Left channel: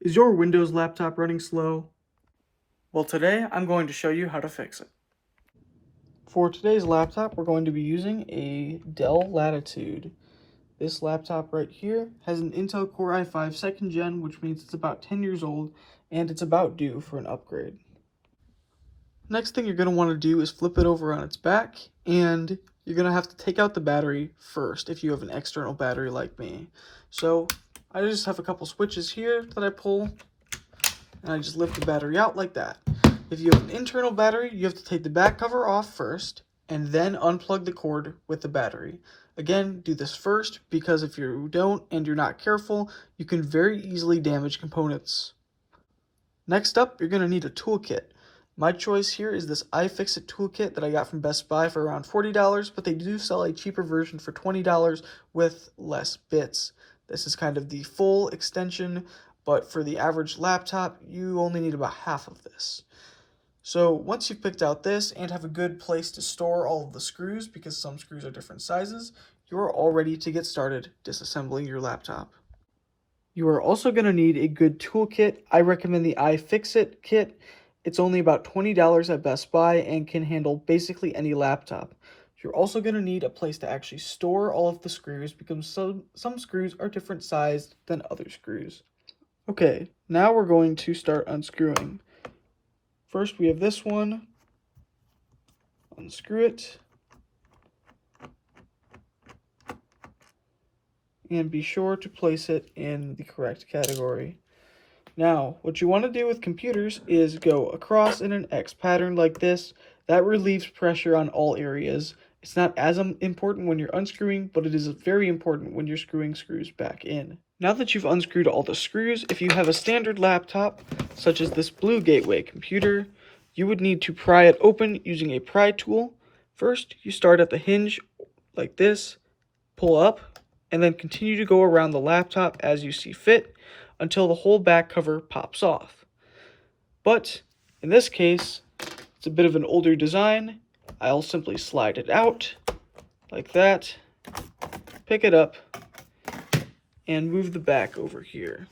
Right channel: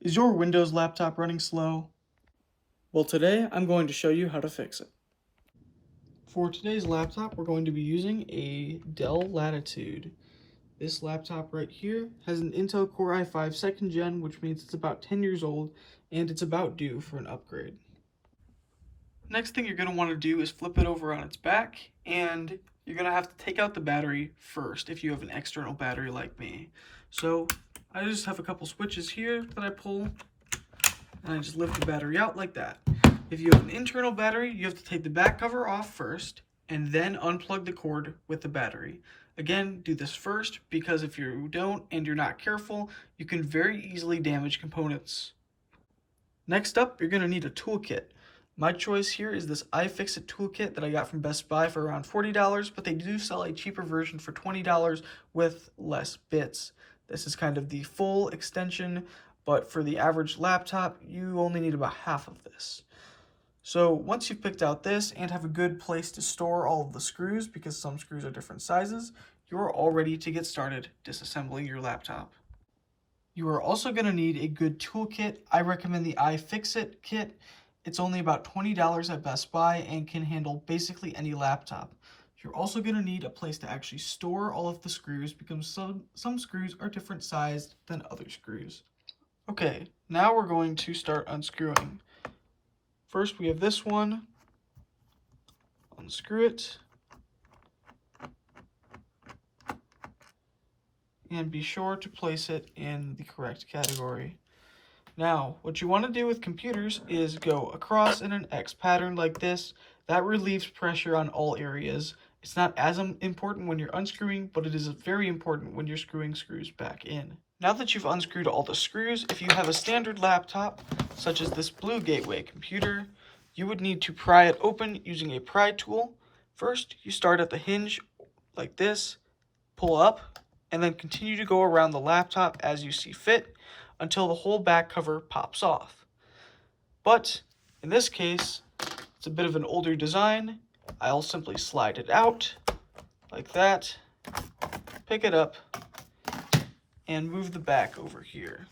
Is your Windows laptop running slow? Well, today I'm going to show you how to fix it. For today's laptop, we're going to be using a Dell Latitude. This laptop right here has an Intel Core i5 2nd gen, which means it's about 10 years old, and it's about due for an upgrade. Next thing you're going to want to do is flip it over on its back, and you're going to have to take out the battery first if you have an external battery like me. So I just have a couple switches here that I pull, and I just lift the battery out like that. If you have an internal battery, you have to take the back cover off first and then unplug the cord with the battery. Again, do this first because if you don't and you're not careful, you can very easily damage components. Next up, you're going to need a toolkit. My choice here is this iFixit toolkit that I got from Best Buy for around $40, but they do sell a cheaper version for $20 with less bits. This is kind of the full extension, but for the average laptop, you only need about half of this. So once you've picked out this and have a good place to store all of the screws, because some screws are different sizes, you're all ready to get started disassembling your laptop. You are also going to need a good toolkit. I recommend the iFixit kit. It's only about $20 at Best Buy and can handle basically any laptop. You're also going to need a place to actually store all of the screws because some screws are different sized than other screws. Okay, now we're going to start unscrewing. First we have this one. Unscrew it. And be sure to place it in the correct category. Now, what you want to do with computers is go across in an X pattern like this. That relieves pressure on all areas. It's not as important when you're unscrewing, but it is very important when you're screwing screws back in. Now that you've unscrewed all the screws, if you have a standard laptop, such as this Blue Gateway computer, you would need to pry it open using a pry tool. First, you start at the hinge like this, pull up, and then continue to go around the laptop as you see fit until the whole back cover pops off. But in this case, it's a bit of an older design. I'll simply slide it out like that, pick it up, and move the back over here.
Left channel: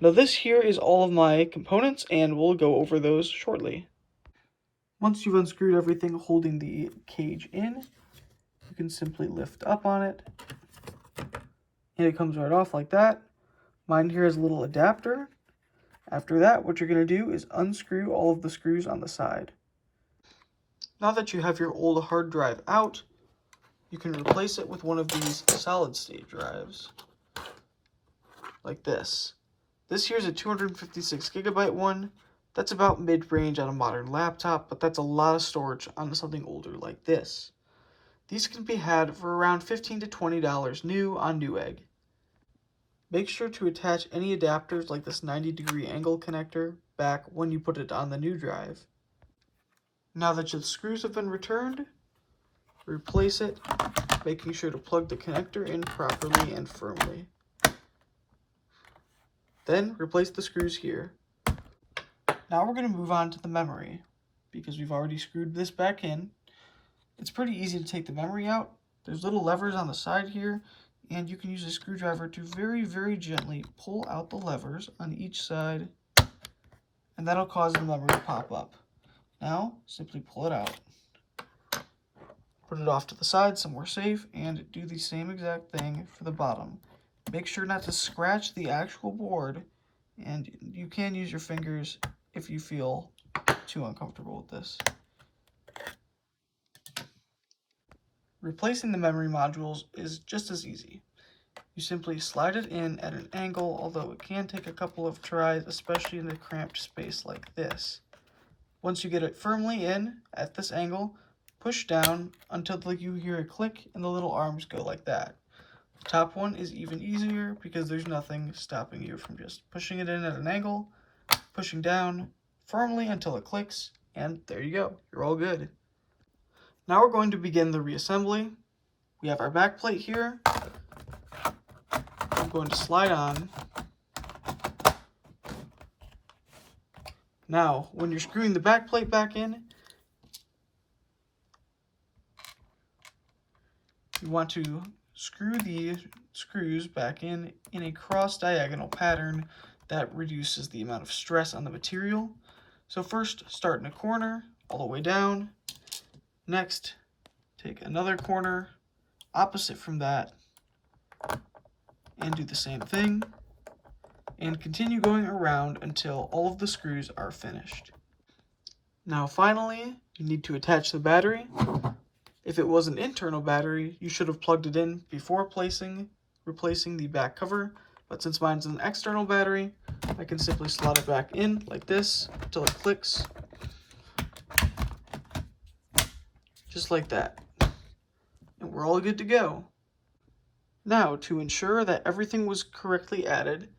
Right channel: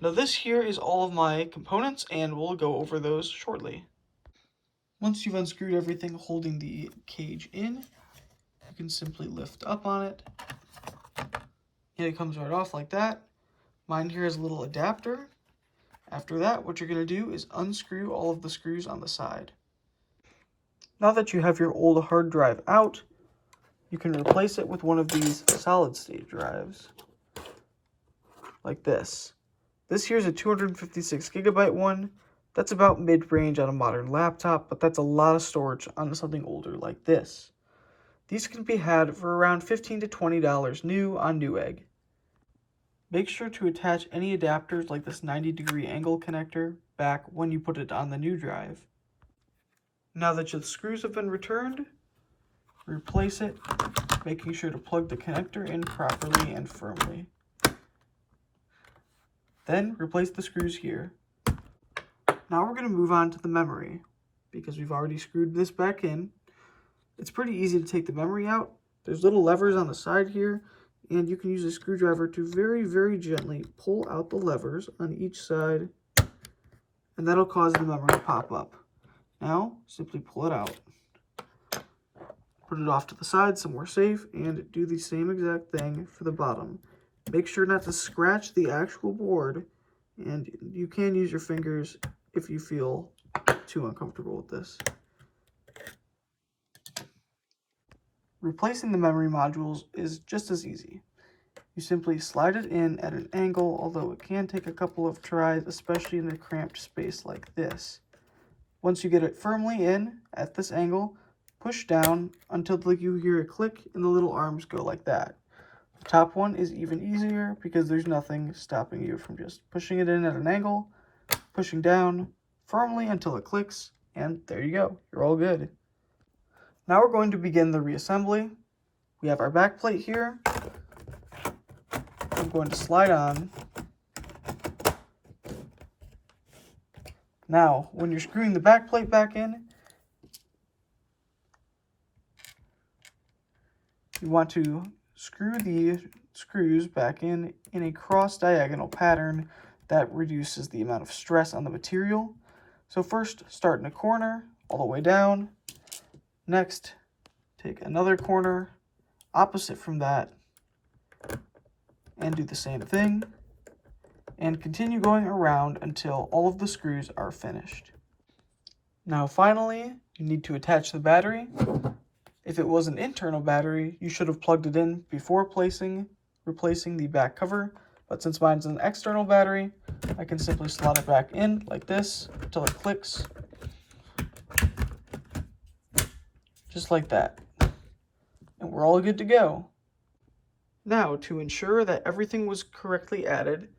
Now this here is all of my components, and we'll go over those shortly. Once you've unscrewed everything holding the cage in, you can simply lift up on it, and it comes right off like that. Mine here has a little adapter. After that, what you're going to do is unscrew all of the screws on the side. Now that you have your old hard drive out, you can replace it with one of these solid-state drives, like this. This here is a 256 gigabyte one. That's about mid-range on a modern laptop, but that's a lot of storage on something older like this. These can be had for around $15 to $20 new on Newegg. Make sure to attach any adapters like this 90-degree angle connector back when you put it on the new drive. Now that your screws have been returned, replace it, making sure to plug the connector in properly and firmly. Then replace the screws here. Now we're going to move on to the memory. Because we've already screwed this back in, it's pretty easy to take the memory out. There's little levers on the side here, and you can use a screwdriver to very, very gently pull out the levers on each side, and that'll cause the memory to pop up. Now, simply pull it out. Put it off to the side somewhere safe, and do the same exact thing for the bottom. Make sure not to scratch the actual board, and you can use your fingers if you feel too uncomfortable with this. Replacing the memory modules is just as easy. You simply slide it in at an angle, although it can take a couple of tries, especially in a cramped space like this. Once you get it firmly in at this angle, push down until you hear a click and the little arms go like that. The top one is even easier because there's nothing stopping you from just pushing it in at an angle, pushing down firmly until it clicks, and there you go, you're all good. Now we're going to begin the reassembly. We have our back plate here. I'm going to slide on. Now, when you're screwing the back plate back in, you want to screw the screws back in a cross-diagonal pattern that reduces the amount of stress on the material. So first, start in a corner, all the way down. Next, take another corner, opposite from that, and do the same thing. And continue going around until all of the screws are finished. Now finally, you need to attach the battery. If it was an internal battery, you should have plugged it in before replacing the back cover, but since mine's an external battery, I can simply slot it back in like this until it clicks. Just like that. And we're all good to go. Now, to ensure that everything was correctly added,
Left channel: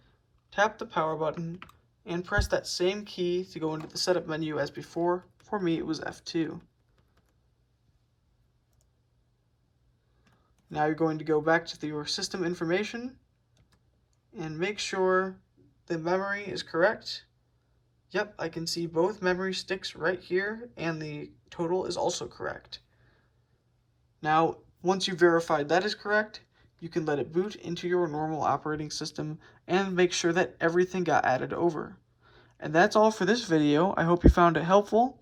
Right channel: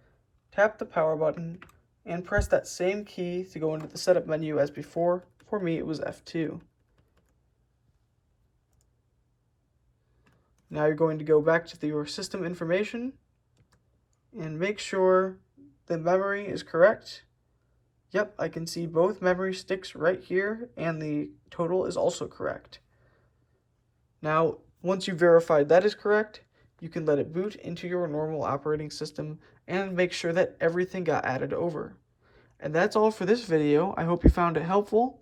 tap the power button and press that same key to go into the setup menu as before. For me, it was F2. Now you're going to go back to your system information and make sure the memory is correct. Yep, I can see both memory sticks right here, and the total is also correct. Now, once you've verified that is correct, you can let it boot into your normal operating system and make sure that everything got added over. And that's all for this video. I hope you found it helpful.